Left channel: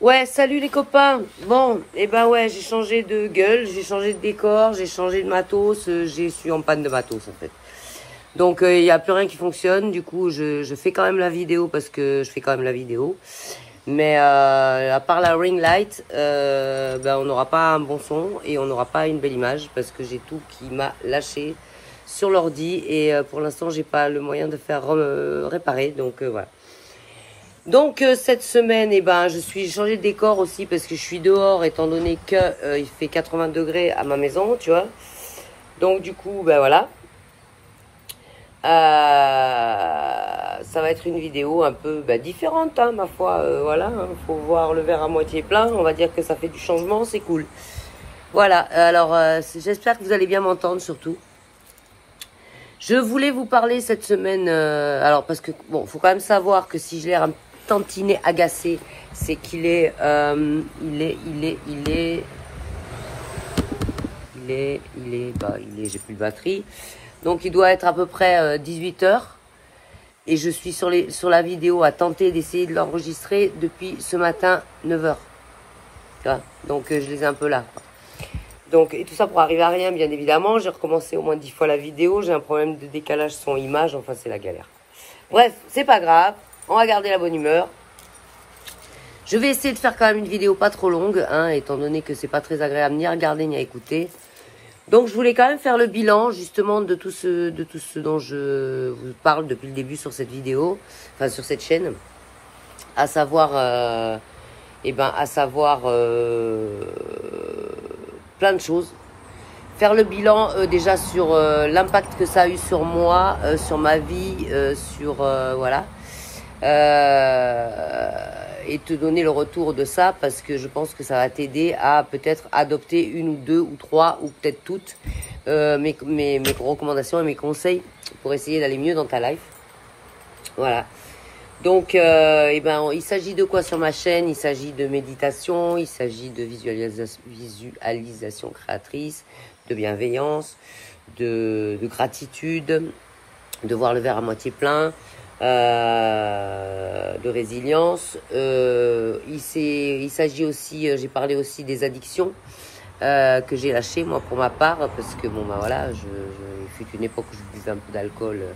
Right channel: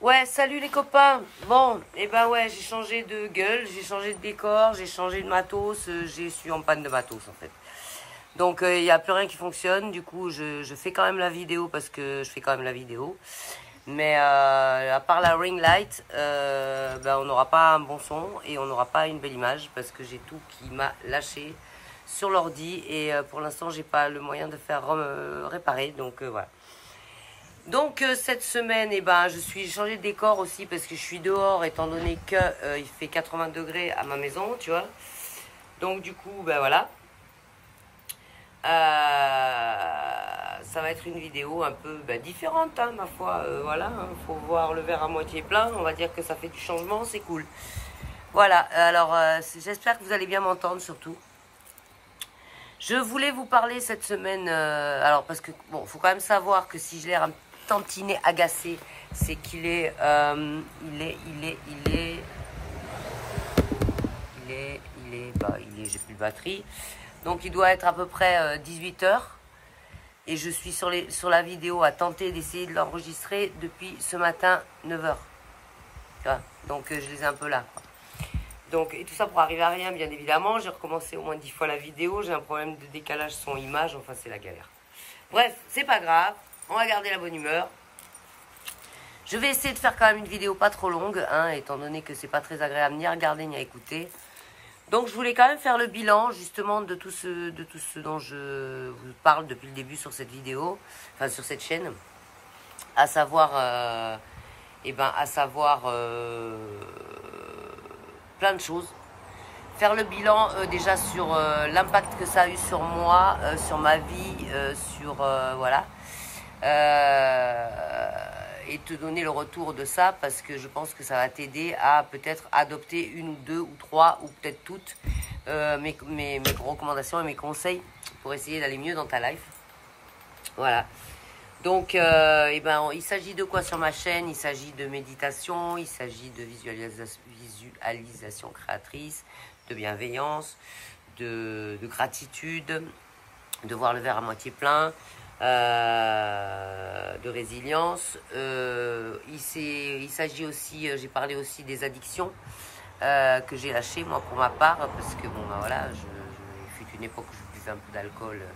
Ouais, salut les copains. Bon, et ben ouais, j'ai changé de gueule, j'ai changé de décor, j'ai changé de matos, je suis en panne de matos en fait. Donc il y a plus rien qui fonctionne. Du coup, je fais quand même la vidéo parce que je fais quand même la vidéo. Mais à part la ring light, ben on n'aura pas un bon son et on n'aura pas une belle image parce que j'ai tout qui m'a lâché sur l'ordi et pour l'instant j'ai pas le moyen de faire réparer. Donc voilà. Donc cette semaine, eh ben, j'ai changé de décor aussi parce que je suis dehors étant donné que il fait 80 degrés à ma maison, tu vois. Donc du coup, ben voilà. Ça va être une vidéo un peu différente, hein, ma foi. Voilà, hein, faut voir le verre à moitié plein. On va dire que ça fait du changement, c'est cool. Voilà. Alors j'espère que vous allez bien m'entendre surtout. Je voulais vous parler cette semaine. Alors parce que bon, faut quand même savoir que si j'ai l'air un tantinet agacé, c'est qu'il est, j'ai plus de batterie. Donc il doit être à peu près 18 heures. Et je suis sur la vidéo à tenter d'essayer de l'enregistrer depuis ce matin 9 heures. Tu vois. Donc je les ai un peu là, quoi. Donc, et tout ça pour arriver à rien, bien évidemment. J'ai recommencé au moins 10 fois la vidéo. J'ai un problème de décalage son-image. Enfin, c'est la galère. Bref, c'est pas grave. On va garder la bonne humeur. Je vais essayer de faire quand même une vidéo pas trop longue, hein, étant donné que c'est pas très agréable ni à regarder ni à écouter. Donc je voulais quand même faire le bilan justement de tout ce dont je vous parle depuis le début sur cette vidéo, enfin sur cette chaîne, à savoir, plein de choses. Faire le bilan déjà sur l'impact que ça a eu sur moi, sur ma vie, voilà. Et te donner le retour de ça parce que je pense que ça va t'aider à peut-être adopter une ou deux ou trois ou peut-être toutes mes recommandations et mes conseils pour essayer d'aller mieux dans ta life. Voilà. Donc, il s'agit de quoi sur ma chaîne? Il s'agit de méditation, il s'agit de visualisation créatrice, de bienveillance, de gratitude, de voir le verre à moitié plein, de résilience. Il s'agit aussi, j'ai parlé aussi des addictions que j'ai lâchées moi pour ma part parce que bon bah voilà, il fut une époque où je buvais un peu d'alcool,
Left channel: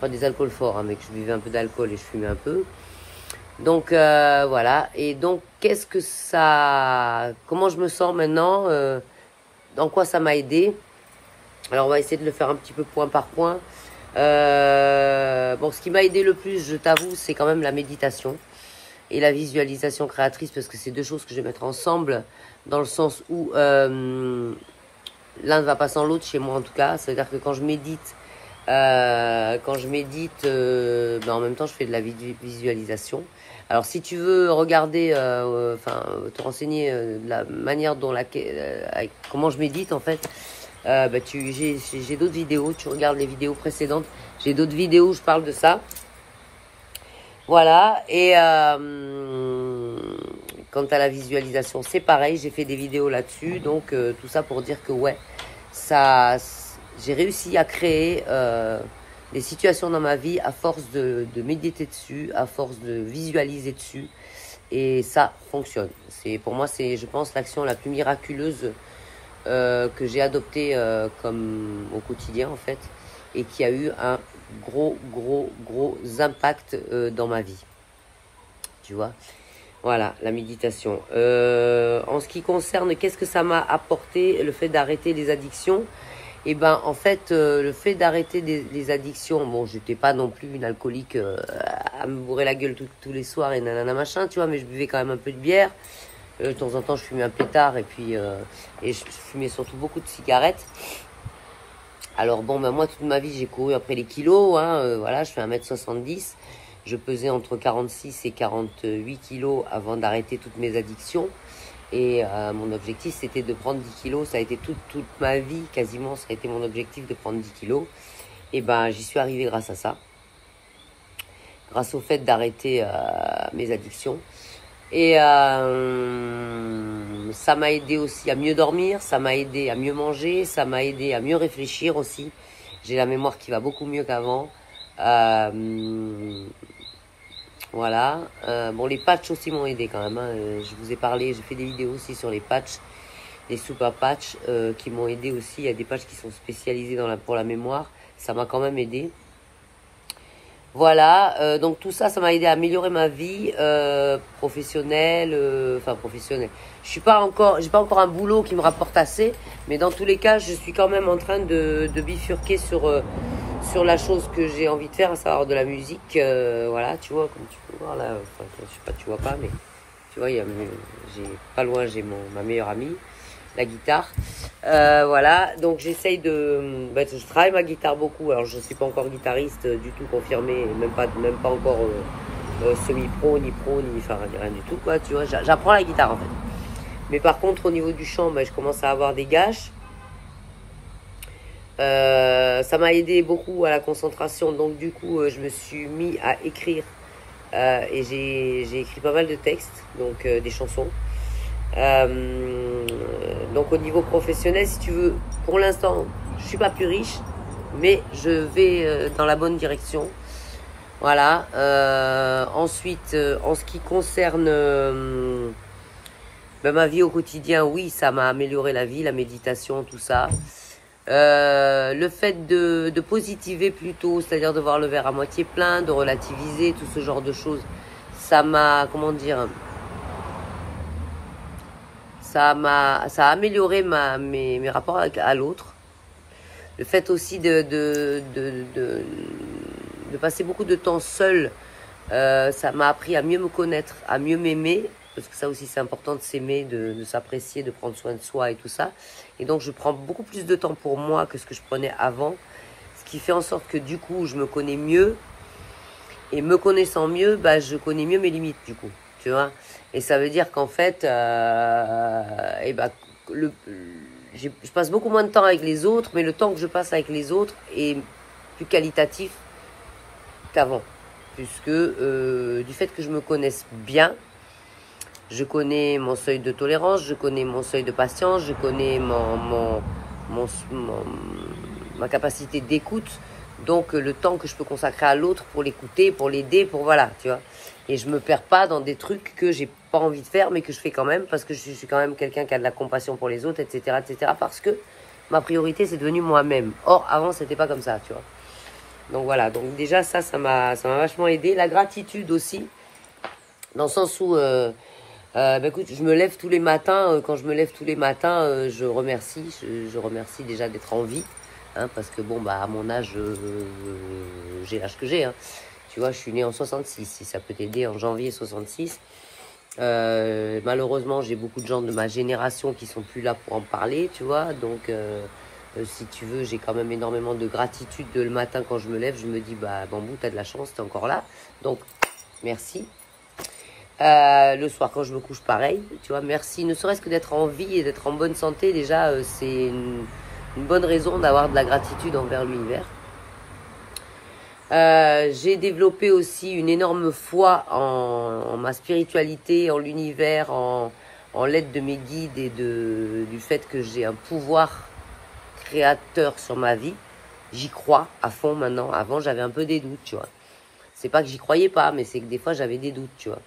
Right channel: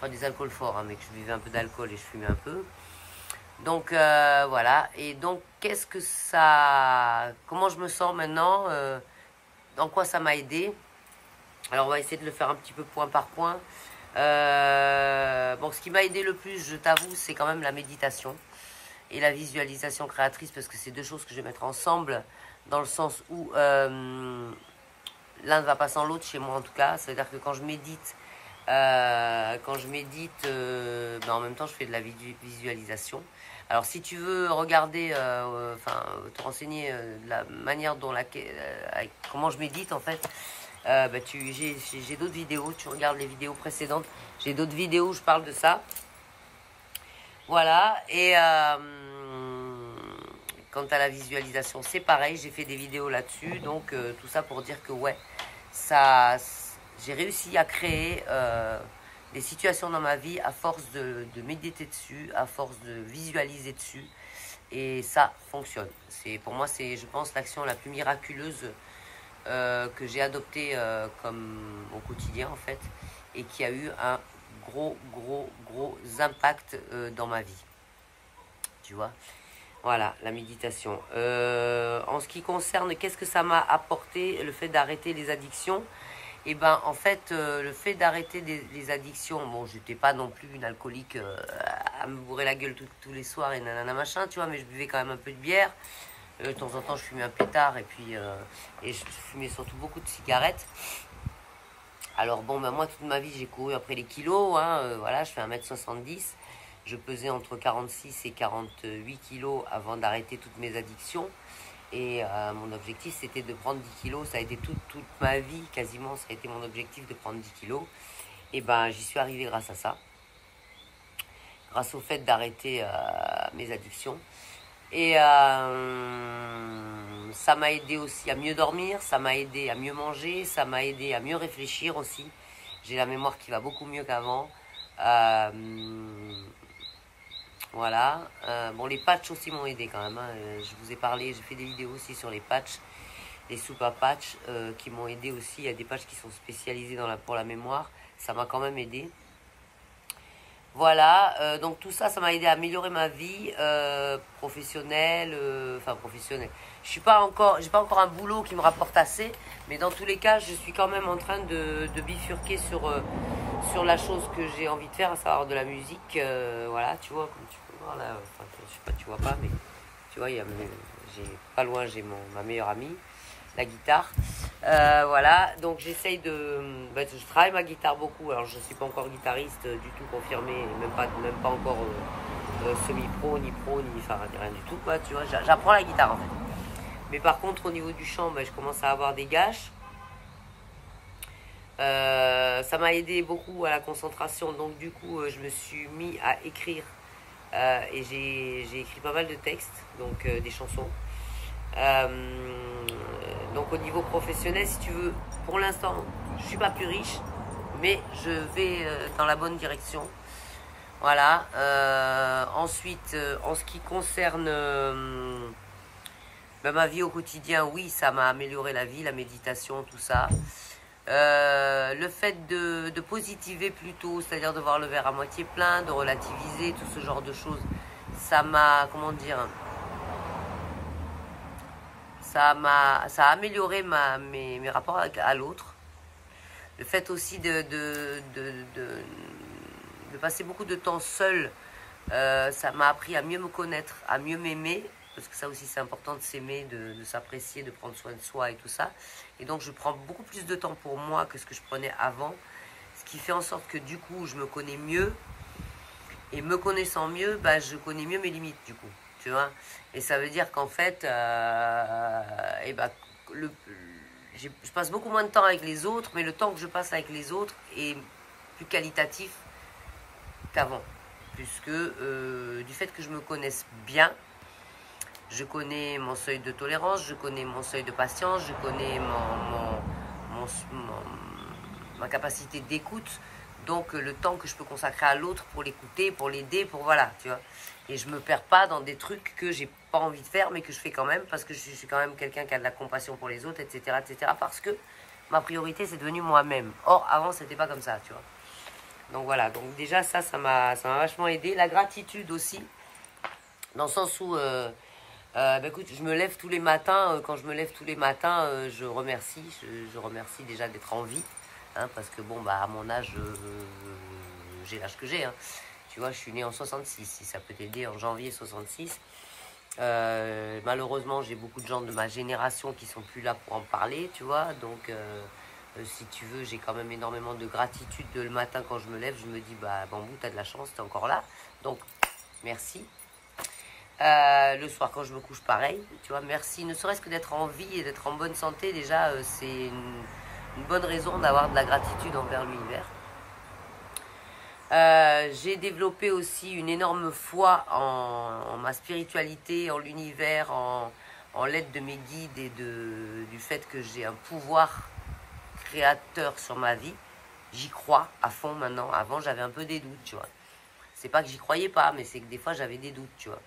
pas des alcools forts, hein, mais que je buvais un peu d'alcool et je fumais un peu. Donc voilà. Et donc comment je me sens maintenant, en quoi ça m'a aidé. Alors on va essayer de le faire un petit peu point par point. Bon, ce qui m'a aidé le plus, je t'avoue, c'est quand même la méditation et la visualisation créatrice parce que c'est deux choses que je vais mettre ensemble dans le sens où l'un ne va pas sans l'autre chez moi en tout cas. Ça veut dire que quand je médite, en même temps je fais de la visualisation. Alors si tu veux regarder, te renseigner de la manière dont comment je médite en fait. J'ai d'autres vidéos, tu regardes les vidéos précédentes, j'ai d'autres vidéos où je parle de ça. Voilà, et quant à la visualisation, c'est pareil, j'ai fait des vidéos là-dessus, donc tout ça pour dire que ouais, j'ai réussi à créer des situations dans ma vie à force de méditer dessus, à force de visualiser dessus, et ça fonctionne. Pour moi, c'est, je pense, l'action la plus miraculeuse que j'ai adopté comme au quotidien en fait et qui a eu un gros impact dans ma vie, tu vois. Voilà, la méditation. En ce qui concerne qu'est-ce que ça m'a apporté le fait d'arrêter les addictions, et ben en fait le fait d'arrêter les addictions, bon j'étais pas non plus une alcoolique à me bourrer la gueule tous les soirs et nanana machin, tu vois, mais je buvais quand même un peu de bière. De temps en temps, je fumais un pétard et puis et je fumais surtout beaucoup de cigarettes. Alors bon, moi, toute ma vie, j'ai couru après les kilos. Hein, voilà, je fais 1m70. Je pesais entre 46 et 48 kilos avant d'arrêter toutes mes addictions. Et mon objectif, c'était de prendre 10 kilos. Ça a été toute ma vie, quasiment, ça a été mon objectif de prendre 10 kilos. Et ben, j'y suis arrivée grâce à ça. Grâce au fait d'arrêter mes addictions. Et ça m'a aidé aussi à mieux dormir, ça m'a aidé à mieux manger, ça m'a aidé à mieux réfléchir aussi. J'ai la mémoire qui va beaucoup mieux qu'avant. Voilà. Bon, les patchs aussi m'ont aidé quand même. Hein. Je vous ai parlé, j'ai fait des vidéos aussi sur les patchs, les super patchs qui m'ont aidé aussi. Il y a des patchs qui sont spécialisés pour la mémoire. Ça m'a quand même aidé. Voilà, donc tout ça, ça m'a aidé à améliorer ma vie professionnelle, enfin professionnelle. J'ai pas encore un boulot qui me rapporte assez, mais dans tous les cas, je suis quand même en train de bifurquer sur la chose que j'ai envie de faire, à savoir de la musique. Voilà, tu vois, comme tu peux voir là, enfin, je sais pas, tu vois pas, mais tu vois, pas loin, j'ai ma meilleure amie, la guitare. Voilà, donc j'essaye je travaille ma guitare beaucoup. Alors je ne suis pas encore guitariste du tout confirmé, même pas encore semi-pro, ni pro, ni rien du tout, quoi, tu vois. J'apprends la guitare en fait. Mais par contre, au niveau du chant, je commence à avoir des gâches. Ça m'a aidé beaucoup à la concentration, donc du coup, je me suis mis à écrire. Et j'ai écrit pas mal de textes, donc des chansons. Donc au niveau professionnel, si tu veux, pour l'instant, je suis pas plus riche, mais je vais dans la bonne direction. Voilà. Ensuite, en ce qui concerne ma vie au quotidien, oui, ça m'a amélioré la vie, la méditation, tout ça. Le fait de positiver plutôt, c'est-à-dire de voir le verre à moitié plein, de relativiser, tout ce genre de choses, ça m'a, comment dire, ça a amélioré mes rapports à l'autre. Le fait aussi de passer beaucoup de temps seul, ça m'a appris à mieux me connaître, à mieux m'aimer, parce que ça aussi c'est important de s'aimer, de s'apprécier, de prendre soin de soi et tout ça. Et donc je prends beaucoup plus de temps pour moi que ce que je prenais avant, ce qui fait en sorte que du coup je me connais mieux, et me connaissant mieux, je connais mieux mes limites du coup, tu vois. Et ça veut dire qu'en fait, je passe beaucoup moins de temps avec les autres, mais le temps que je passe avec les autres est plus qualitatif qu'avant. Puisque du fait que je me connaisse bien, je connais mon seuil de tolérance, je connais mon seuil de patience, je connais ma capacité d'écoute. Donc le temps que je peux consacrer à l'autre pour l'écouter, pour l'aider, pour voilà, tu vois. Et je me perds pas dans des trucs que j'ai pas envie de faire, mais que je fais quand même, parce que je suis quand même quelqu'un qui a de la compassion pour les autres, etc., etc., parce que ma priorité, c'est devenu moi-même. Or, avant, c'était pas comme ça, tu vois. Donc voilà, donc déjà, ça m'a vachement aidé. La gratitude aussi, dans le sens où, écoute, je me lève tous les matins, quand je me lève tous les matins, je remercie déjà d'être en vie. Hein, parce que bon, à mon âge, j'ai l'âge que j'ai. Hein. Tu vois, je suis né en 66, si ça peut t'aider, en janvier 66. Malheureusement, j'ai beaucoup de gens de ma génération qui sont plus là pour en parler, tu vois. Donc, si tu veux, j'ai quand même énormément de gratitude le matin quand je me lève. Je me dis, Bambou, t'as de la chance, t'es encore là. Donc, merci. Le soir, quand je me couche, pareil. Tu vois, merci. Ne serait-ce que d'être en vie et d'être en bonne santé, déjà, c'est une bonne raison d'avoir de la gratitude envers l'univers. J'ai développé aussi une énorme foi en ma spiritualité, en l'univers, en l'aide de mes guides et du fait que j'ai un pouvoir créateur sur ma vie. J'y crois à fond maintenant. Avant, j'avais un peu des doutes, tu vois. C'est pas que j'y croyais pas, mais c'est que des fois, j'avais des doutes, tu vois.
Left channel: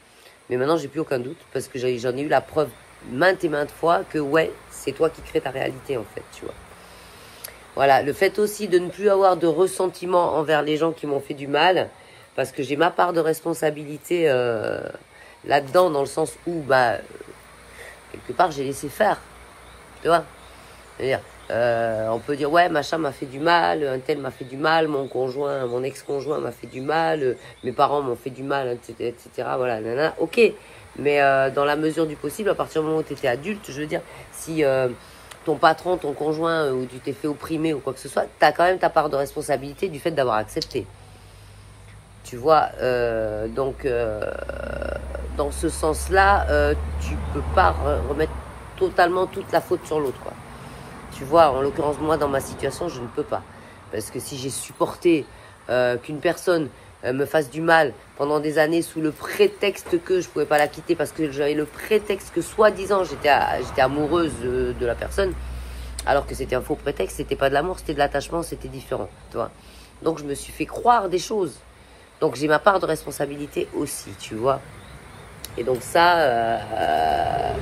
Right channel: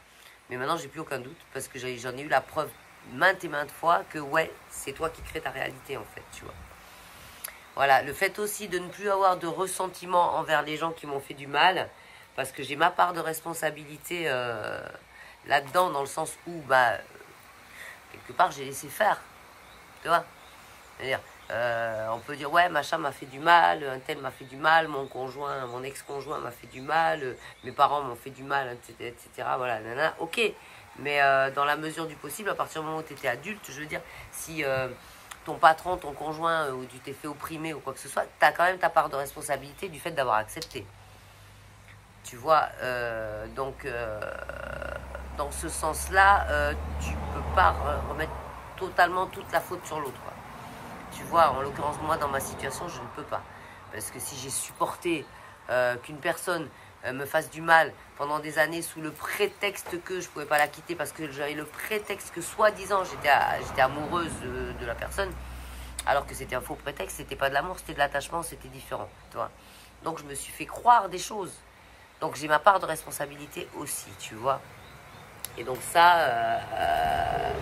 Mais maintenant, j'ai plus aucun doute parce que j'en ai eu la preuve maintes et maintes fois que ouais, c'est toi qui crées ta réalité en fait, tu vois. Voilà, le fait aussi de ne plus avoir de ressentiment envers les gens qui m'ont fait du mal, parce que j'ai ma part de responsabilité là-dedans, dans le sens où, quelque part, j'ai laissé faire, tu vois. C'est-à-dire, on peut dire, ouais, machin m'a fait du mal, un tel m'a fait du mal, mon ex-conjoint m'a fait du mal, mes parents m'ont fait du mal, etc. Voilà, nana, ok. Mais dans la mesure du possible, à partir du moment où tu étais adulte, je veux dire, si ton patron, ton conjoint, ou tu t'es fait opprimer ou quoi que ce soit, tu as quand même ta part de responsabilité du fait d'avoir accepté. Tu vois, donc, dans ce sens-là, tu peux pas remettre totalement toute la faute sur l'autre, quoi. Tu vois, en l'occurrence, moi, dans ma situation, je ne peux pas. Parce que si j'ai supporté qu'une personne me fasse du mal pendant des années sous le prétexte que je ne pouvais pas la quitter parce que j'avais le prétexte que soi-disant j'étais amoureuse de la personne, alors que c'était un faux prétexte, c'était pas de l'amour, c'était de l'attachement, c'était différent, tu vois. Donc je me suis fait croire des choses Donc j'ai ma part de responsabilité aussi, tu vois. Et donc ça,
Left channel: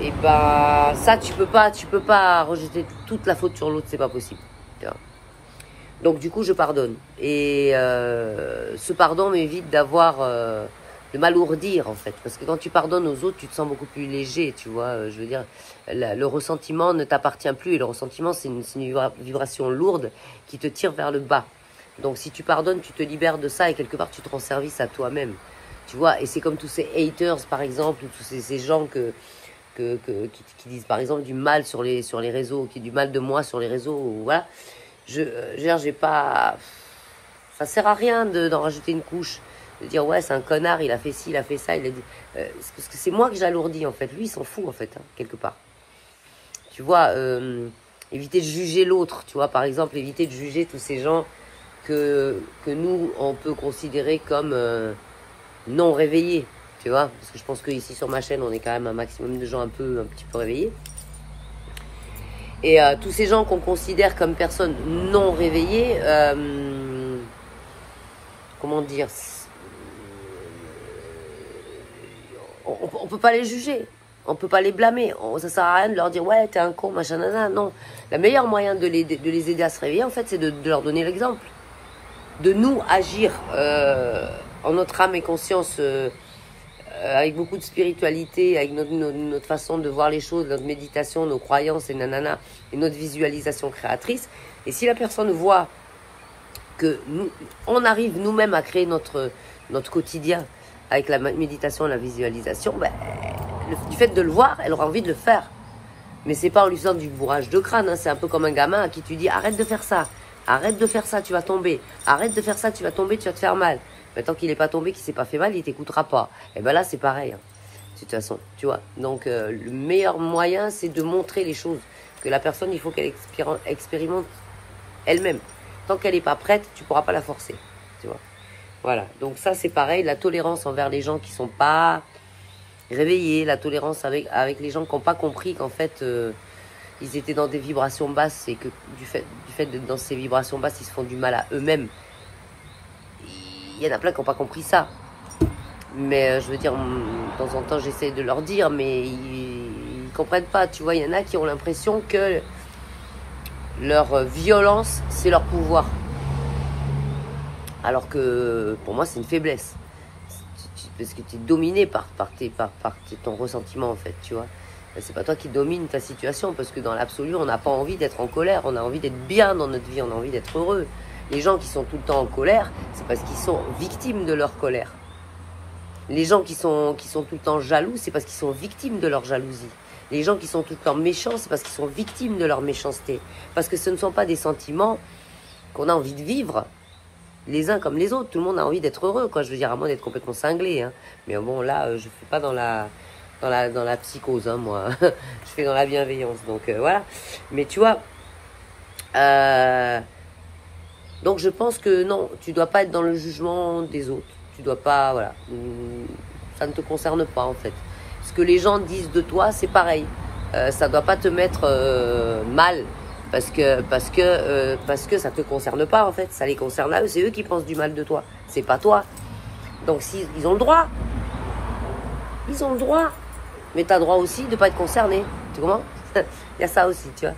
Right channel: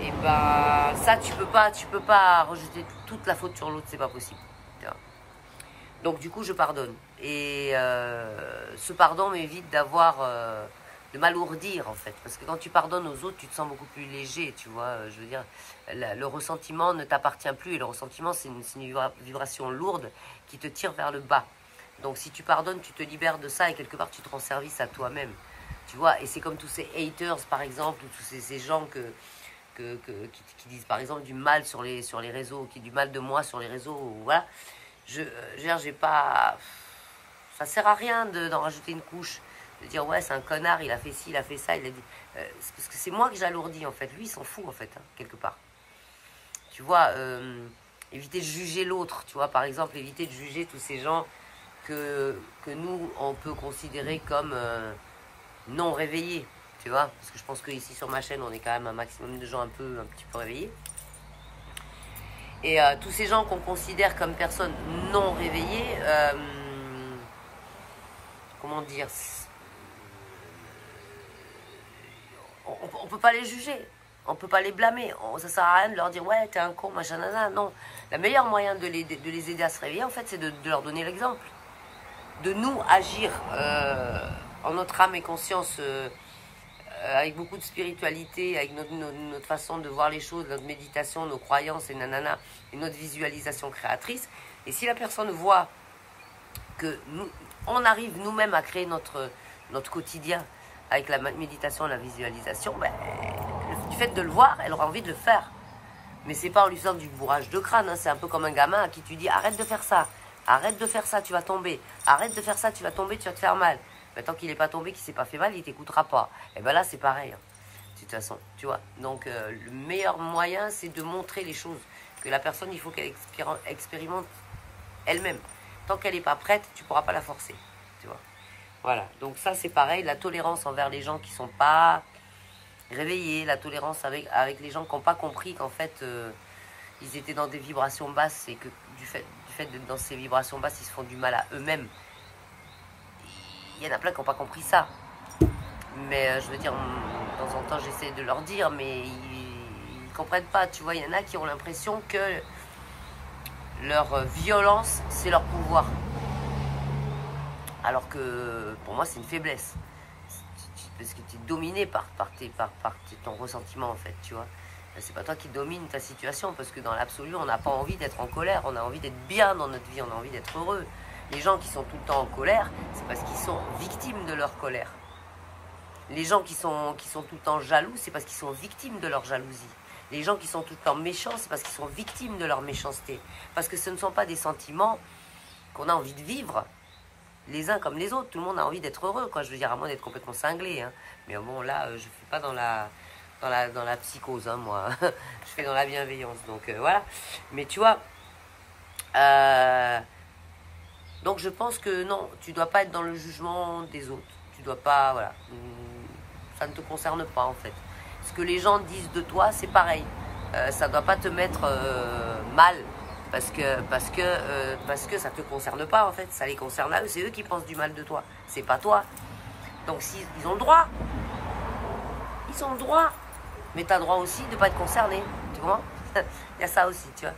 et ben ça tu peux pas rejeter toute la faute sur l'autre, c'est pas possible. Tu vois. Donc du coup je pardonne. Et ce pardon m'évite d'avoir de m'alourdir en fait. Parce que quand tu pardonnes aux autres, tu te sens beaucoup plus léger, tu vois. Je veux dire, le ressentiment ne t'appartient plus. Et le ressentiment, c'est une vibration lourde qui te tire vers le bas. Donc si tu pardonnes, tu te libères de ça et quelque part tu te rends service à toi-même. Tu vois, et c'est comme tous ces haters par exemple, ou tous ces gens qui disent par exemple du mal sur les réseaux, qui disent du mal de moi sur les réseaux, ou voilà. J'ai pas... Ça sert à rien d'en rajouter une couche. De dire ouais c'est un connard, il a fait ci, il a fait ça, il a dit... parce que c'est moi que j'alourdis en fait. Lui il s'en fout en fait, hein, quelque part. Tu vois, éviter de juger l'autre, tu vois, par exemple, éviter de juger tous ces gens que nous, on peut considérer comme non réveillés, tu vois. Parce que je pense qu'ici, sur ma chaîne, on est quand même un maximum de gens un petit peu réveillés. Et tous ces gens qu'on considère comme personnes non réveillées, comment dire, on peut pas les juger. On peut pas les blâmer. Ça sert à rien de leur dire ouais t'es un con machin nanana. Non, le meilleur moyen de les aider à se réveiller en fait c'est de leur donner l'exemple, de nous agir en notre âme et conscience, avec beaucoup de spiritualité, avec notre façon de voir les choses, notre méditation, nos croyances et nanana, et notre visualisation créatrice. Et si la personne voit que nous, on arrive nous-mêmes à créer notre quotidien avec la méditation et la visualisation, ben, du fait de le voir, elle aura envie de le faire. Mais c'est pas en lui faisant du bourrage de crâne, hein. C'est un peu comme un gamin à qui tu dis arrête de faire ça, tu vas tomber, arrête de faire ça, tu vas tomber, tu vas te faire mal. Mais tant qu'il n'est pas tombé, qu'il s'est pas fait mal, il t'écoutera pas. Et ben là c'est pareil, hein, de toute façon, tu vois. Donc le meilleur moyen c'est de montrer les choses, que la personne il faut qu'elle expérimente elle-même. Tant qu'elle n'est pas prête, tu pourras pas la forcer, tu vois. Voilà, donc ça c'est pareil, la tolérance envers les gens qui sont pas réveillés, la tolérance avec les gens qui n'ont pas compris qu'en fait ils étaient dans des vibrations basses et que du fait d'être dans ces vibrations basses, ils se font du mal à eux-mêmes. Il y en a plein qui n'ont pas compris ça. Mais je veux dire, de temps en temps j'essaie de leur dire, mais ils comprennent pas, tu vois. Il y en a qui ont l'impression que leur violence, c'est leur pouvoir. Alors que pour moi c'est une faiblesse. Parce que tu es dominé par ton ressentiment en fait, tu vois. C'est pas toi qui domine ta situation, parce que dans l'absolu on n'a pas envie d'être en colère, on a envie d'être bien dans notre vie, on a envie d'être heureux. Les gens qui sont tout le temps en colère, c'est parce qu'ils sont victimes de leur colère. Les gens qui sont tout le temps jaloux, c'est parce qu'ils sont victimes de leur jalousie. Les gens qui sont tout le temps méchants, c'est parce qu'ils sont victimes de leur méchanceté. Parce que ce ne sont pas des sentiments qu'on a envie de vivre les uns comme les autres. Tout le monde a envie d'être heureux, quoi. Je veux dire, à moins d'être complètement cinglé, hein. Mais bon, là, je fais pas dans la psychose, hein, moi. Je fais dans la bienveillance, donc voilà. Mais tu vois, donc je pense que non, tu dois pas être dans le jugement des autres. Tu dois pas, voilà. Ça ne te concerne pas, en fait. Ce que les gens disent de toi, c'est pareil. Ça doit pas te mettre mal. Parce que ça te concerne pas en fait, ça les concerne à eux, c'est eux qui pensent du mal de toi, c'est pas toi. Donc ils ont le droit, mais tu as le droit aussi de pas être concerné, tu comprends? Il y a ça aussi, tu vois.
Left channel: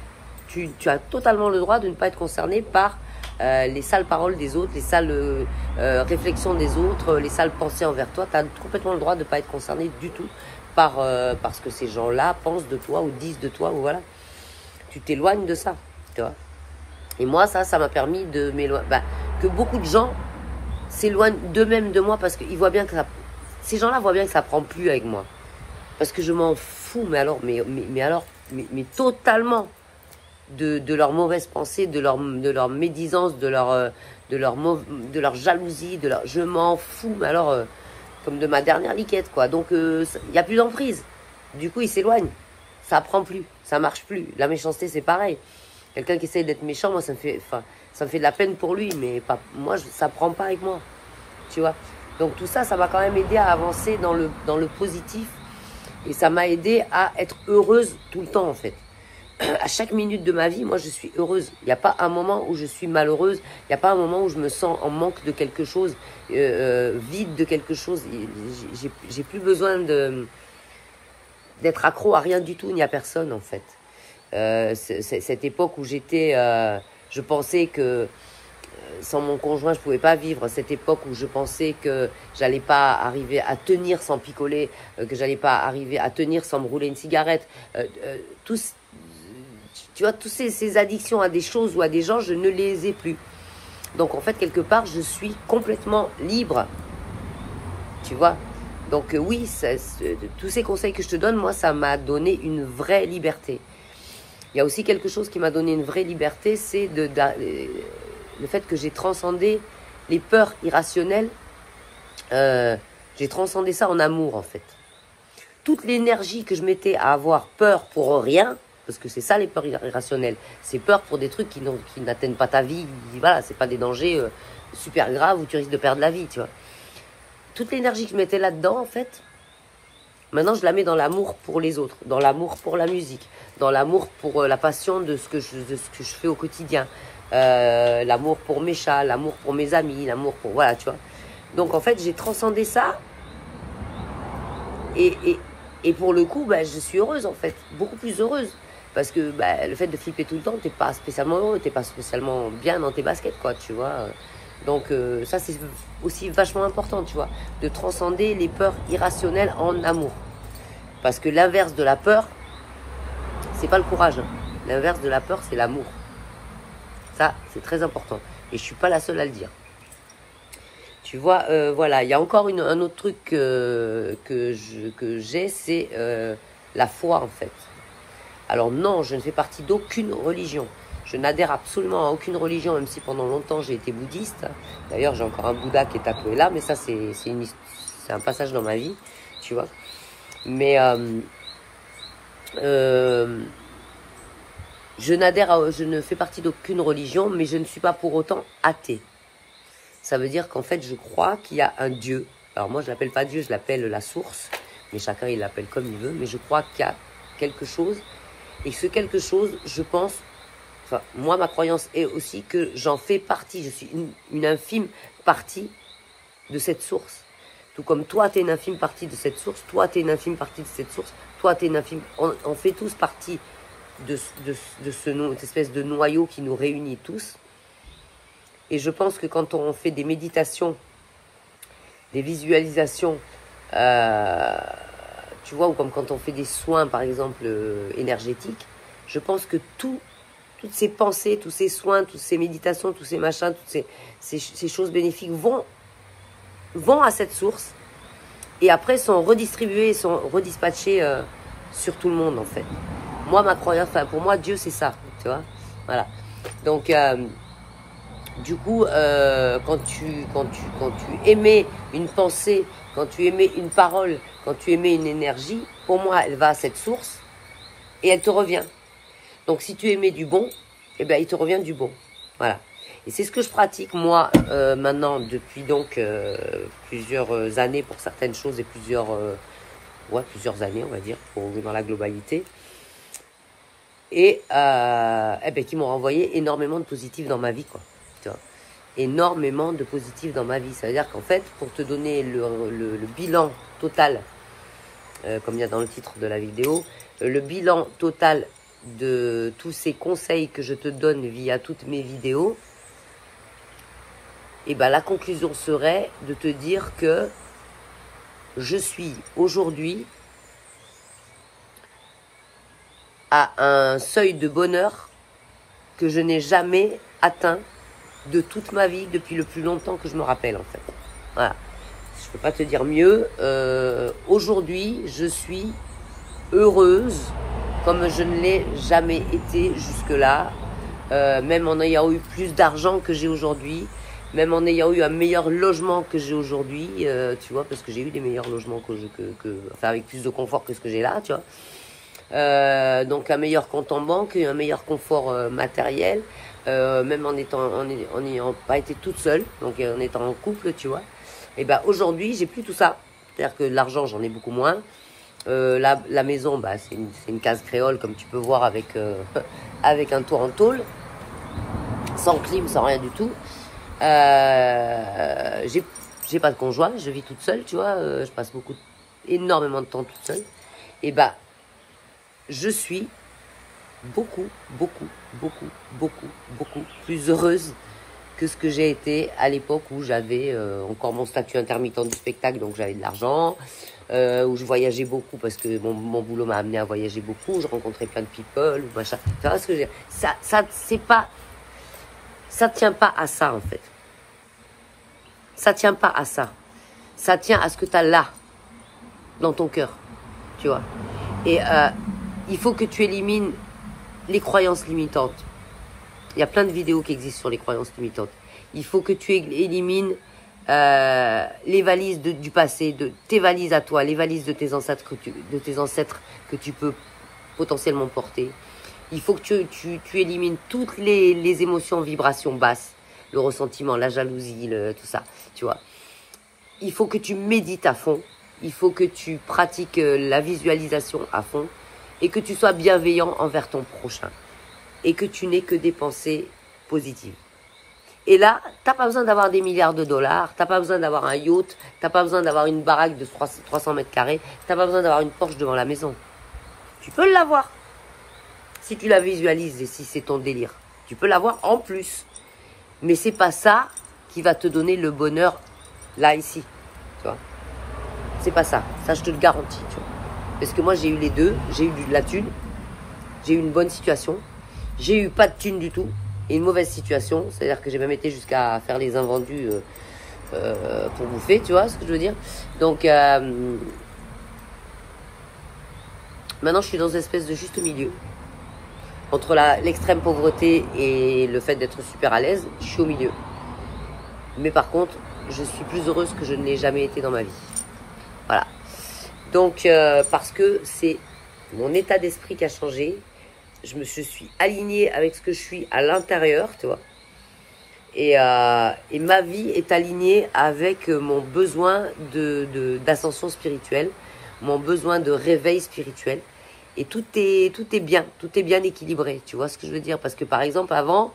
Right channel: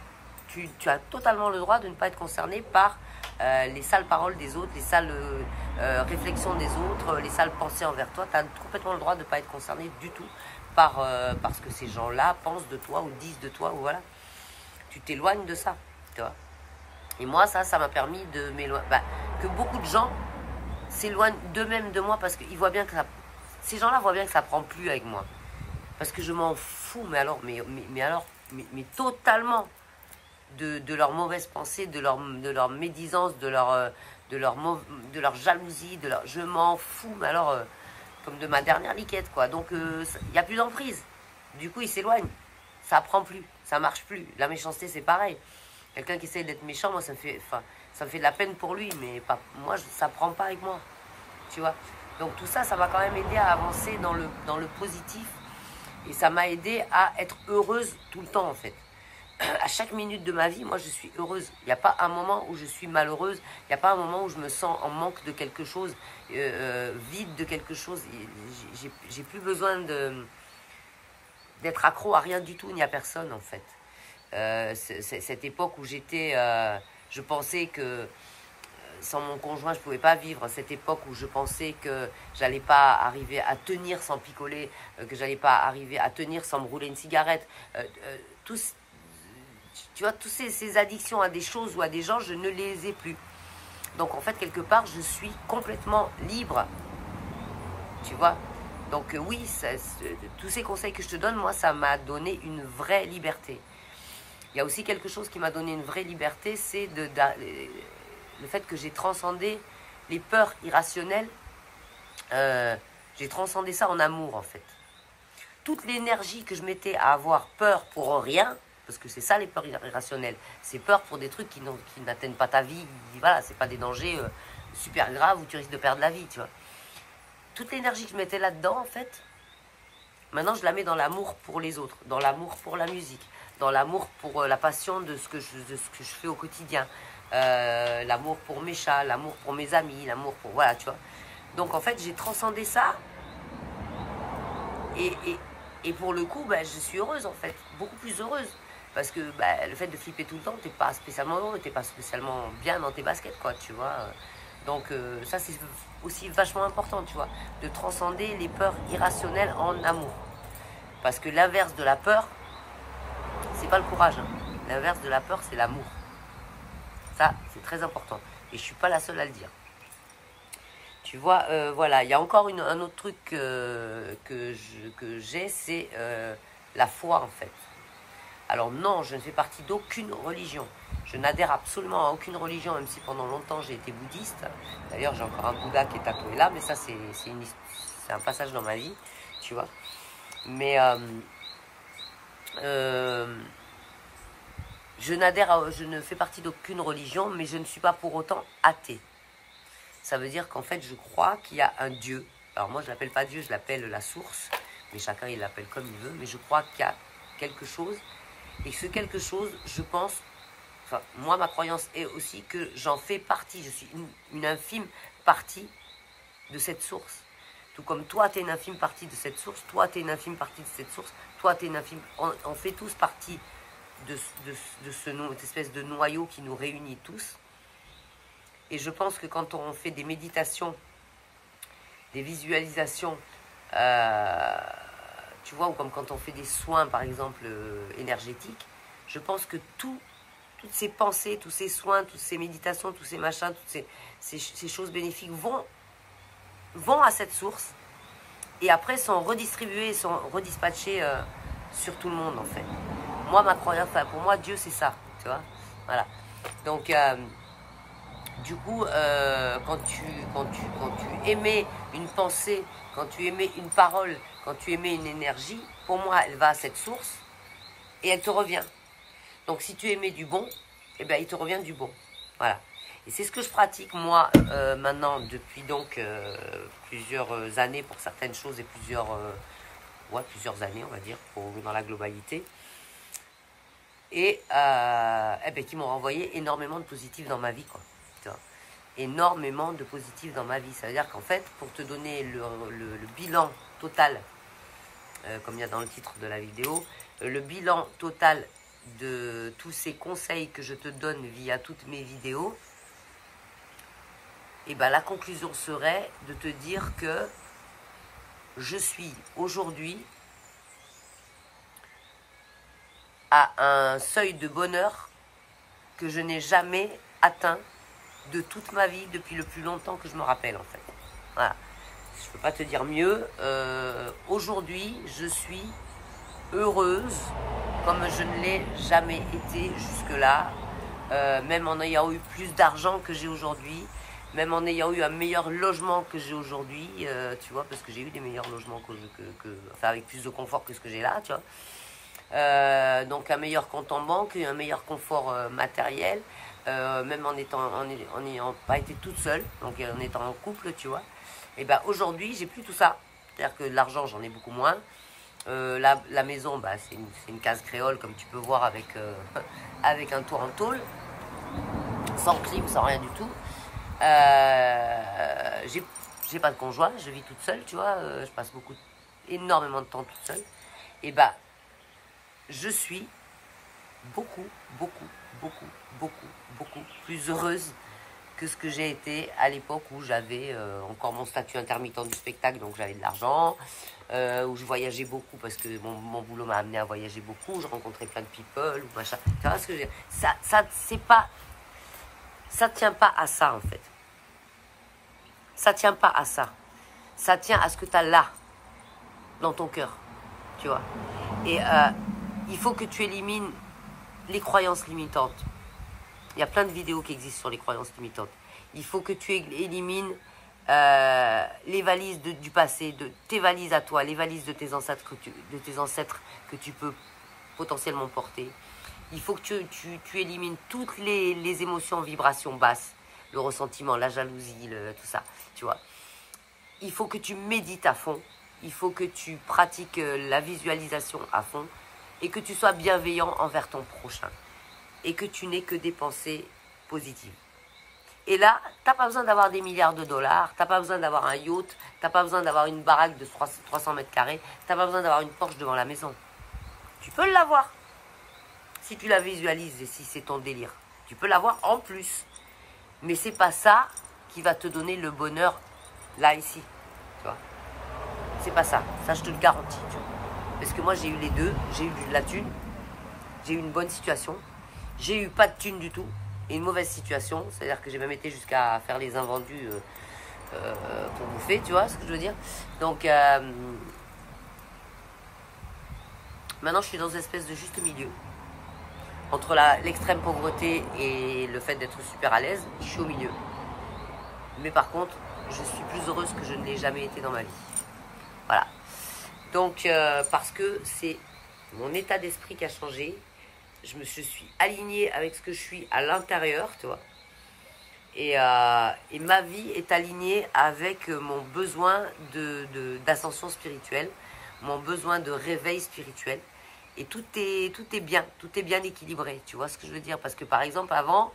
Tu as totalement le droit de ne pas être concerné par les sales paroles des autres, les sales réflexions des autres, les sales pensées envers toi. Tu as complètement le droit de ne pas être concerné du tout par ce que ces gens-là pensent de toi ou disent de toi, ou voilà. Tu t'éloignes de ça, tu vois. Et moi, ça m'a permis de m'éloigner, que beaucoup de gens s'éloignent d'eux-mêmes de moi, parce qu'ils voient bien que ces gens-là voient bien que ça prend plus avec moi, parce que je m'en fous, mais alors, mais totalement de leurs mauvaises pensées, de leur médisance, de leur jalousie, je m'en fous, mais alors comme de ma dernière liquette, quoi. Donc il y a plus d'emprise. Du coup, ils s'éloignent. Ça prend plus, ça marche plus. La méchanceté, c'est pareil. Quelqu'un qui essaye d'être méchant, moi, ça me fait de la peine pour lui, mais pas, moi, ça prend pas avec moi, tu vois. Donc tout ça, ça m'a quand même aidé à avancer dans le positif, et ça m'a aidé à être heureuse tout le temps, en fait. à chaque minute de ma vie, moi, je suis heureuse. Il n'y a pas un moment où je suis malheureuse. Il n'y a pas un moment où je me sens en manque de quelque chose, vide de quelque chose. J'ai plus besoin d'être accro à rien du tout, ni à personne, en fait. Cette époque où j'étais... je pensais que sans mon conjoint, je pouvais pas vivre. Cette époque où je pensais que j'allais pas arriver à tenir sans picoler, que j'allais pas arriver à tenir sans me rouler une cigarette. Tu vois, toutes ces addictions à des choses ou à des gens, je ne les ai plus. Donc, en fait, quelque part, je suis complètement libre. Tu vois. Donc, oui, tous ces conseils que je te donne, moi, ça m'a donné une vraie liberté. Il y a aussi quelque chose qui m'a donné une vraie liberté, c'est le fait que j'ai transcendé les peurs irrationnelles. J'ai transcendé ça en amour, en fait. Toute l'énergie que je mettais à avoir peur pour rien, parce que c'est ça les peurs irrationnelles, c'est peur pour des trucs qui n'atteignent pas ta vie, voilà, c'est pas des dangers super graves où tu risques de perdre la vie, tu vois. Toute l'énergie que je mettais là-dedans, en fait, maintenant je la mets dans l'amour pour les autres, dans l'amour pour la musique, dans l'amour pour la passion de ce que je fais au quotidien, l'amour pour mes chats, l'amour pour mes amis, l'amour pour, voilà, tu vois. Donc en fait, j'ai transcendé ça, et pour le coup, bah, je suis heureuse, en fait, beaucoup plus heureuse. Parce que bah, le fait de flipper tout le temps, t'es pas spécialement heureux, t'es pas spécialement bien dans tes baskets, quoi, tu vois. Donc ça, c'est aussi vachement important, tu vois, de transcender les peurs irrationnelles en amour. Parce que l'inverse de la peur, c'est pas le courage. Hein. L'inverse de la peur, c'est l'amour. Ça, c'est très important. Et je suis pas la seule à le dire. Tu vois, voilà, il y a encore un autre truc que j'ai, c'est la foi, en fait. Alors non, je ne fais partie d'aucune religion. Je n'adhère absolument à aucune religion, même si pendant longtemps j'ai été bouddhiste. D'ailleurs, j'ai encore un Bouddha qui est tatoué là, mais ça, c'est un passage dans ma vie, tu vois. Mais je ne fais partie d'aucune religion, mais je ne suis pas pour autant athée. Ça veut dire qu'en fait, je crois qu'il y a un Dieu. Alors moi, je l'appelle pas Dieu, je l'appelle la source, mais chacun, il l'appelle comme il veut. Mais je crois qu'il y a quelque chose. Et ce quelque chose, je pense, enfin, moi, ma croyance est aussi que j'en fais partie. Je suis une infime partie de cette source. Tout comme toi, tu es une infime partie de cette source. Toi, tu es une infime partie de cette source. Toi, tu es une infime... On fait tous partie de cette espèce de noyau qui nous réunit tous. Et je pense que quand on fait des méditations, des visualisations... tu vois, ou comme quand on fait des soins, par exemple, énergétiques, je pense que toutes ces pensées, tous ces soins, toutes ces méditations, tous ces machins, toutes ces choses bénéfiques vont à cette source et après sont redistribuées, sont redispatchées sur tout le monde, en fait. Moi, ma croyance, enfin, pour moi, Dieu, c'est ça, tu vois. Voilà. Donc, du coup, quand tu émets une pensée, quand tu émets une parole, quand tu émets une énergie, pour moi, elle va à cette source et elle te revient. Donc, si tu émets du bon, eh ben, il te revient du bon. Voilà. Et c'est ce que je pratique, moi, maintenant, depuis donc plusieurs années pour certaines choses et plusieurs années, on va dire, dans la globalité. Et eh ben, qui m'ont renvoyé énormément de positifs dans ma vie, quoi. Tu vois, énormément de positifs dans ma vie. Ça veut dire qu'en fait, pour te donner le bilan total, comme il y a dans le titre de la vidéo, le bilan total de tous ces conseils que je te donne via toutes mes vidéos, et ben la conclusion serait de te dire que je suis aujourd'hui à un seuil de bonheur que je n'ai jamais atteint de toute ma vie depuis le plus longtemps que je me rappelle, en fait. Voilà. Je peux pas te dire mieux. Aujourd'hui, je suis heureuse comme je ne l'ai jamais été jusque-là. Même en ayant eu plus d'argent que j'ai aujourd'hui, même en ayant eu un meilleur logement que j'ai aujourd'hui, tu vois, parce que j'ai eu des meilleurs logements enfin, avec plus de confort que ce que j'ai là, tu vois. Donc un meilleur compte en banque, un meilleur confort matériel, même en n'ayant pas été toute seule, donc en étant en couple, tu vois. Et ben aujourd'hui, j'ai plus tout ça. C'est-à-dire que de l'argent, j'en ai beaucoup moins. La maison, bah, c'est une case créole, comme tu peux voir, avec, avec un toit en tôle, sans clim, sans rien du tout. J'ai pas de conjoint, je vis toute seule, tu vois. Je passe énormément de temps toute seule. Et bah, je suis beaucoup plus heureuse que ce que j'ai été à l'époque où j'avais encore mon statut intermittent du spectacle, donc j'avais de l'argent, où je voyageais beaucoup parce que mon boulot m'a amené à voyager beaucoup, je rencontrais plein de people ou machin. Tu vois ce que je veux dire? Ça tient pas à ça en fait. Ça tient pas à ça. Ça tient à ce que tu as là, dans ton cœur, tu vois. Et il faut que tu élimines les croyances limitantes. Il y a plein de vidéos qui existent sur les croyances limitantes. Il faut que tu élimines les valises du passé, tes valises à toi, les valises de tes ancêtres que tu peux potentiellement porter. Il faut que tu élimines toutes les émotions, vibrations basses, le ressentiment, la jalousie, tout ça, tu vois. Il faut que tu médites à fond. Il faut que tu pratiques la visualisation à fond et que tu sois bienveillant envers ton prochain et que tu n'aies que des pensées positives. Et là, tu n'as pas besoin d'avoir des milliards de dollars, tu n'as pas besoin d'avoir un yacht, tu n'as pas besoin d'avoir une baraque de 300 mètres carrés, tu n'as pas besoin d'avoir une Porsche devant la maison. Tu peux l'avoir si tu la visualises et si c'est ton délire. Tu peux l'avoir en plus. Mais c'est pas ça qui va te donner le bonheur là, ici. Tu vois, c'est pas ça. Ça, je te le garantis. Tu vois. Parce que moi, j'ai eu les deux. J'ai eu de la thune. J'ai eu une bonne situation. J'ai eu pas de thune du tout. Et une mauvaise situation. C'est-à-dire que j'ai même été jusqu'à faire les invendus pour bouffer. Tu vois ce que je veux dire? Donc, maintenant, je suis dans une espèce de juste milieu. Entre l'extrême pauvreté et le fait d'être super à l'aise, je suis au milieu. Mais par contre, je suis plus heureuse que je ne l'ai jamais été dans ma vie. Voilà. Donc, parce que c'est mon état d'esprit qui a changé. Je suis alignée avec ce que je suis à l'intérieur, tu vois. Et ma vie est alignée avec mon besoin d'ascension spirituelle, mon besoin de réveil spirituel. Et tout est bien équilibré, tu vois ce que je veux dire? Parce que par exemple, avant,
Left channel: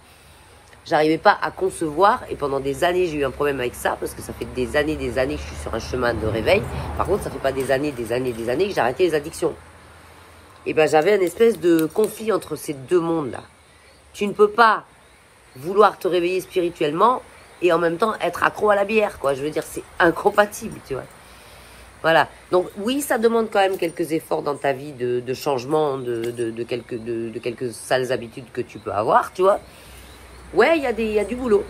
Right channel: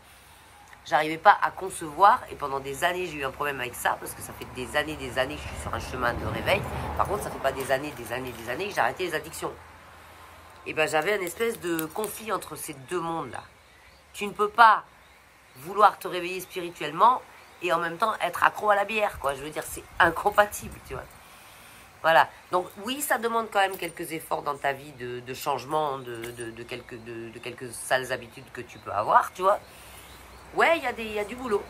j'arrivais pas à concevoir, et pendant des années, j'ai eu un problème avec ça, parce que ça fait des années que je suis sur un chemin de réveil. Par contre, ça fait pas des années que j'ai arrêté les addictions. Et ben, j'avais une espèce de conflit entre ces deux mondes-là. Tu ne peux pas vouloir te réveiller spirituellement et en même temps être accro à la bière, quoi. Je veux dire, c'est incompatible, tu vois. Voilà. Donc oui, ça demande quand même quelques efforts dans ta vie de changement, de quelques sales habitudes que tu peux avoir, tu vois. Ouais, il y a du boulot.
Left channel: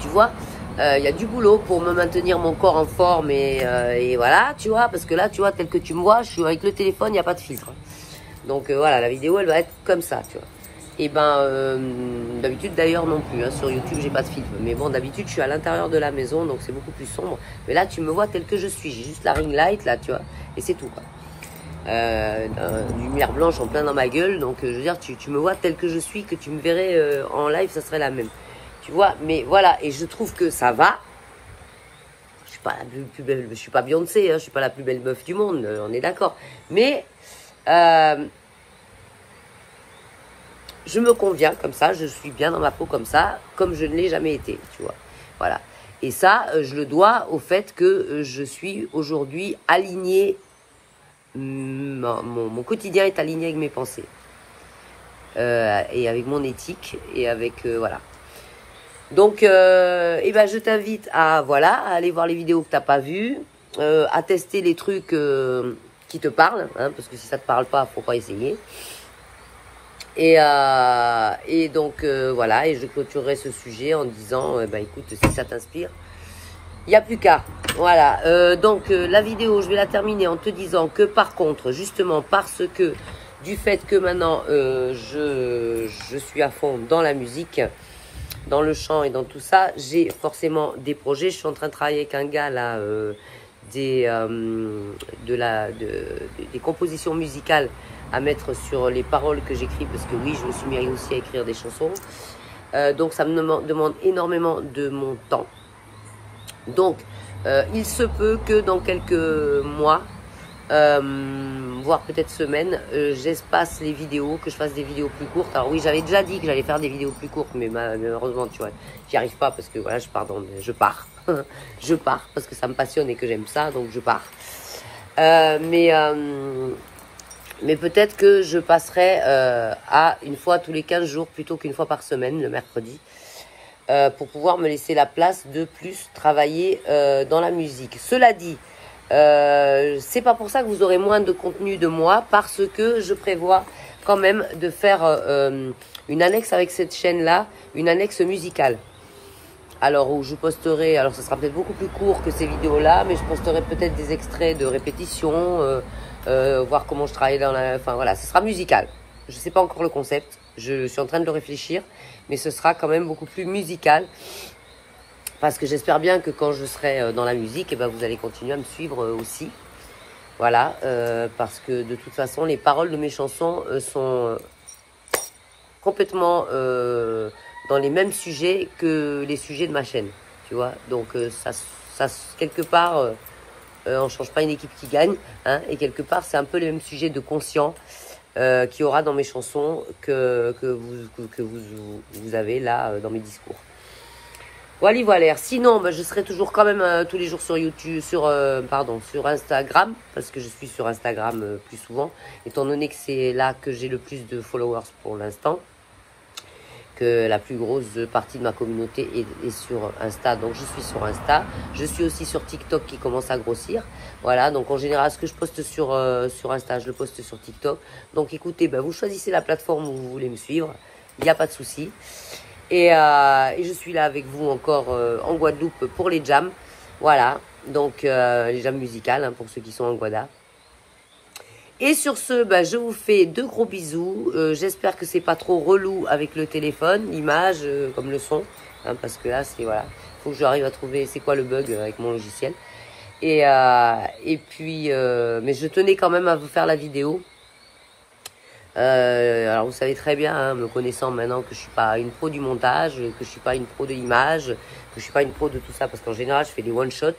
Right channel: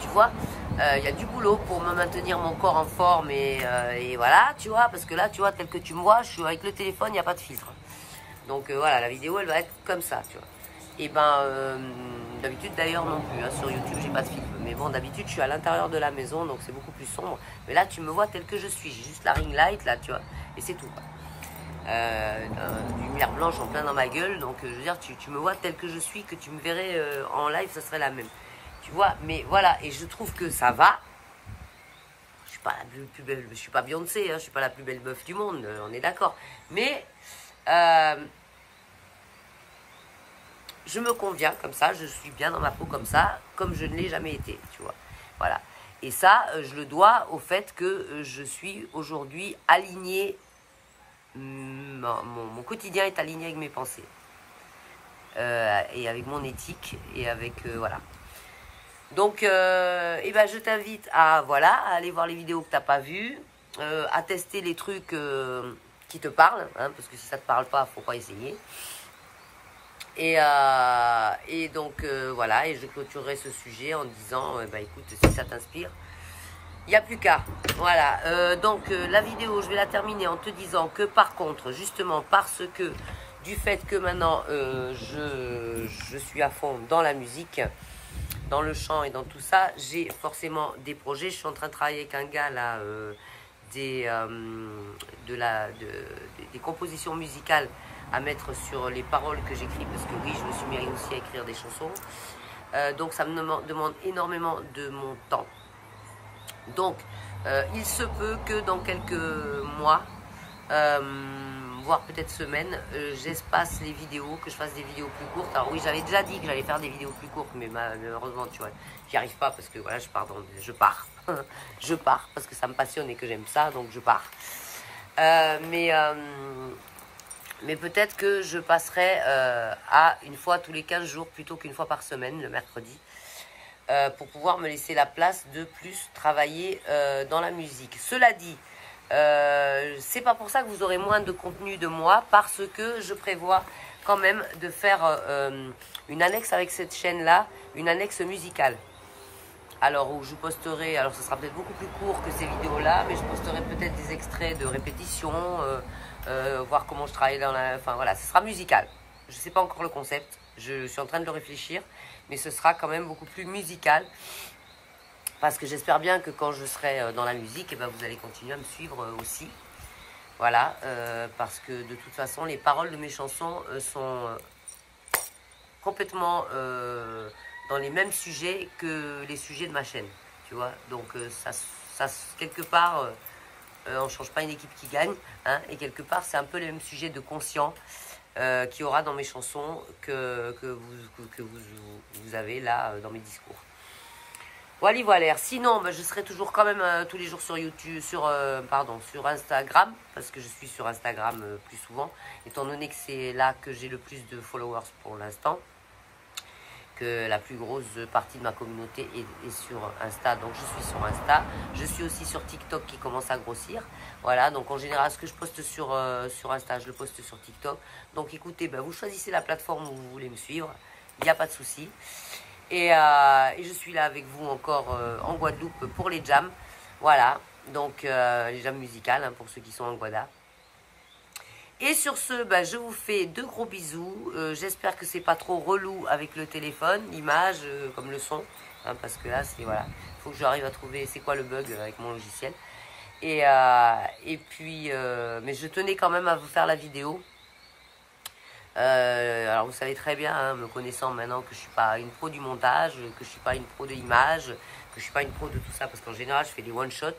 Tu vois, il y a du boulot pour me maintenir mon corps en forme et voilà, tu vois, parce que là, tu vois, tel que tu me vois, je suis avec le téléphone, il n'y a pas de filtre. Donc voilà, la vidéo, elle va être comme ça, tu vois. Et ben, d'habitude d'ailleurs non plus, hein, sur YouTube j'ai pas de filtre. Mais bon, d'habitude je suis à l'intérieur de la maison, donc c'est beaucoup plus sombre. Mais là tu me vois tel que je suis, j'ai juste la ring light là, tu vois, et c'est tout quoi. Une lumière blanche en plein dans ma gueule, donc je veux dire, tu me vois tel que je suis, que tu me verrais en live, ça serait la même. Tu vois, mais voilà, et je trouve que ça va. Je suis pas la plus belle, je suis pas Beyoncé, hein, je suis pas la plus belle meuf du monde, on est d'accord. Mais je me conviens comme ça, je suis bien dans ma peau comme ça, comme je ne l'ai jamais été, tu vois. Voilà. Et ça, je le dois au fait que je suis aujourd'hui alignée, mon quotidien est aligné avec mes pensées. Et avec mon éthique, et avec, voilà. Donc, eh ben, je t'invite à aller voir les vidéos que tu n'as pas vues, à tester les trucs qui te parlent, hein, parce que si ça ne te parle pas, faut pas essayer. Et donc voilà, et je clôturerai ce sujet en disant, bah écoute, si ça t'inspire, il n'y a plus qu'à. Voilà, donc la vidéo, je vais la terminer en te disant que par contre, justement parce que du fait que maintenant je suis à fond dans la musique, dans le chant et dans tout ça, j'ai forcément des projets. Je suis en train de travailler avec un gars là, des compositions musicales à mettre sur les paroles que j'écris, parce que oui, je me suis mis aussi à écrire des chansons. Donc ça me demande énormément de mon temps. Donc il se peut que dans quelques mois, voire peut-être semaine, j'espace les vidéos, que je fasse des vidéos plus courtes. Alors oui, j'avais déjà dit que j'allais faire des vidéos plus courtes, mais malheureusement, tu vois, j'y arrive pas parce que voilà, je pars, je pars, je pars parce que ça me passionne et que j'aime ça, donc je pars. Mais peut-être que je passerai à une fois tous les 15 jours plutôt qu'une fois par semaine, le mercredi, pour pouvoir me laisser la place de plus travailler dans la musique. Cela dit, c'est pas pour ça que vous aurez moins de contenu de moi, parce que je prévois quand même de faire une annexe avec cette chaîne-là, une annexe musicale. Alors où je posterai, alors ça sera peut-être beaucoup plus court que ces vidéos-là, mais je posterai peut-être des extraits de répétition, voir comment je travaille dans la... Enfin voilà, ce sera musical. Je sais pas encore le concept, je suis en train de le réfléchir, mais ce sera quand même beaucoup plus musical. Parce que j'espère bien que quand je serai dans la musique, eh ben, vous allez continuer à me suivre aussi. Voilà, parce que de toute façon, les paroles de mes chansons sont complètement dans les mêmes sujets que les sujets de ma chaîne. Tu vois, donc ça quelque part, on ne change pas une équipe qui gagne. Hein, et quelque part, c'est un peu les mêmes sujets de conscient qu'il y aura dans mes chansons que vous avez là dans mes discours. Voilà. Sinon, bah, je serai toujours quand même tous les jours sur YouTube, sur Instagram, parce que je suis sur Instagram plus souvent, étant donné que c'est là que j'ai le plus de followers pour l'instant, que la plus grosse partie de ma communauté est sur Insta, donc je suis sur Insta. Je suis aussi sur TikTok qui commence à grossir. Voilà, donc en général, ce que je poste sur Insta, je le poste sur TikTok. Donc écoutez, bah, vous choisissez la plateforme où vous voulez me suivre, il n'y a pas de souci. Et je suis là avec vous encore en Guadeloupe pour les jams. Voilà, donc les jams musicales hein, pour ceux qui sont en Guada. Et sur ce, bah, je vous fais de gros bisous. J'espère que c'est pas trop relou avec le téléphone, l'image comme le son. Hein, parce que là, c'est voilà, faut que j'arrive à trouver c'est quoi le bug avec mon logiciel. Et puis, mais je tenais quand même à vous faire la vidéo. Alors vous savez très bien, hein, me connaissant maintenant, que je suis pas une pro du montage, que je suis pas une pro de l'image, que je suis pas une pro de tout ça, parce qu'en général je fais des one shot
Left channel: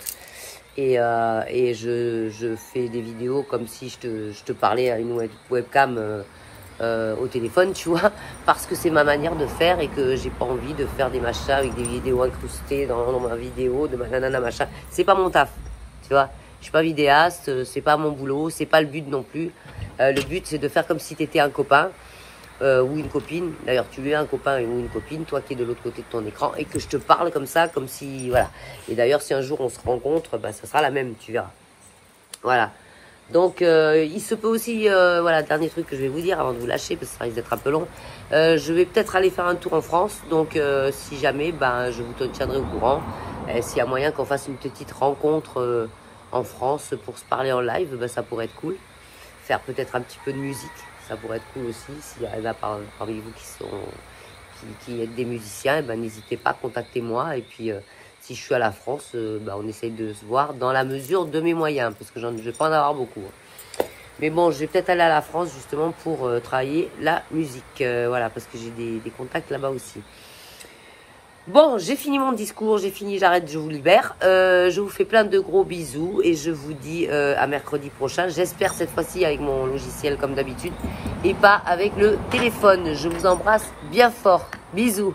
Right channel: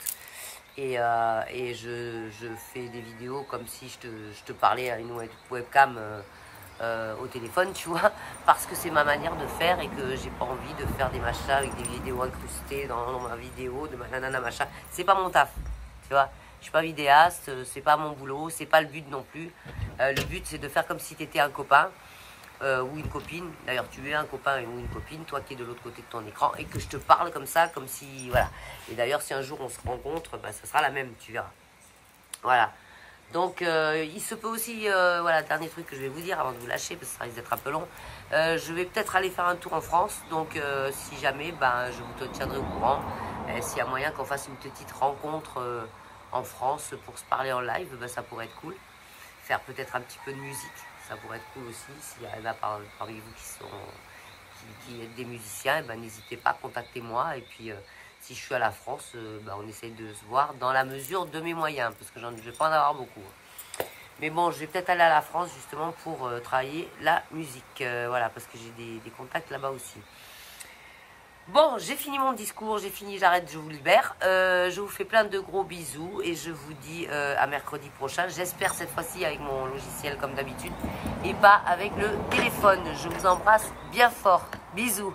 et je fais des vidéos comme si je te parlais à une webcam au téléphone, tu vois, parce que c'est ma manière de faire et que j'ai pas envie de faire des machins avec des vidéos incrustées dans ma vidéo, de ma nanana machin. C'est pas mon taf, tu vois. Je suis pas vidéaste, c'est pas mon boulot, c'est pas le but non plus. Le but, c'est de faire comme si tu étais un copain ou une copine. D'ailleurs, tu es un copain ou une copine, toi qui es de l'autre côté de ton écran, et que je te parle comme ça, comme si... Voilà. Et d'ailleurs, si un jour on se rencontre, bah, ça sera la même, tu verras. Voilà. Donc, il se peut aussi... voilà, dernier truc que je vais vous dire avant de vous lâcher, parce que ça risque d'être un peu long. Je vais peut-être aller faire un tour en France. Donc, si jamais, ben, je vous tiendrai au courant. S'il y a moyen qu'on fasse une petite rencontre en France pour se parler en live, ben, ça pourrait être cool. Faire peut-être un petit peu de musique, ça pourrait être cool aussi. S'il y en a parmi vous qui êtes des musiciens, eh ben, n'hésitez pas, contactez-moi. Et puis, si je suis à la France, ben, on essaye de se voir dans la mesure de mes moyens, parce que je ne vais pas en avoir beaucoup. Hein. Mais bon, je vais peut-être aller à la France justement pour travailler la musique. Voilà, parce que j'ai des contacts là-bas aussi. Bon, j'ai fini mon discours, j'ai fini, j'arrête, je vous libère. Je vous fais plein de gros bisous et je vous dis à mercredi prochain. J'espère cette fois-ci avec mon logiciel comme d'habitude et pas avec le téléphone. Je vous embrasse bien fort. Bisous.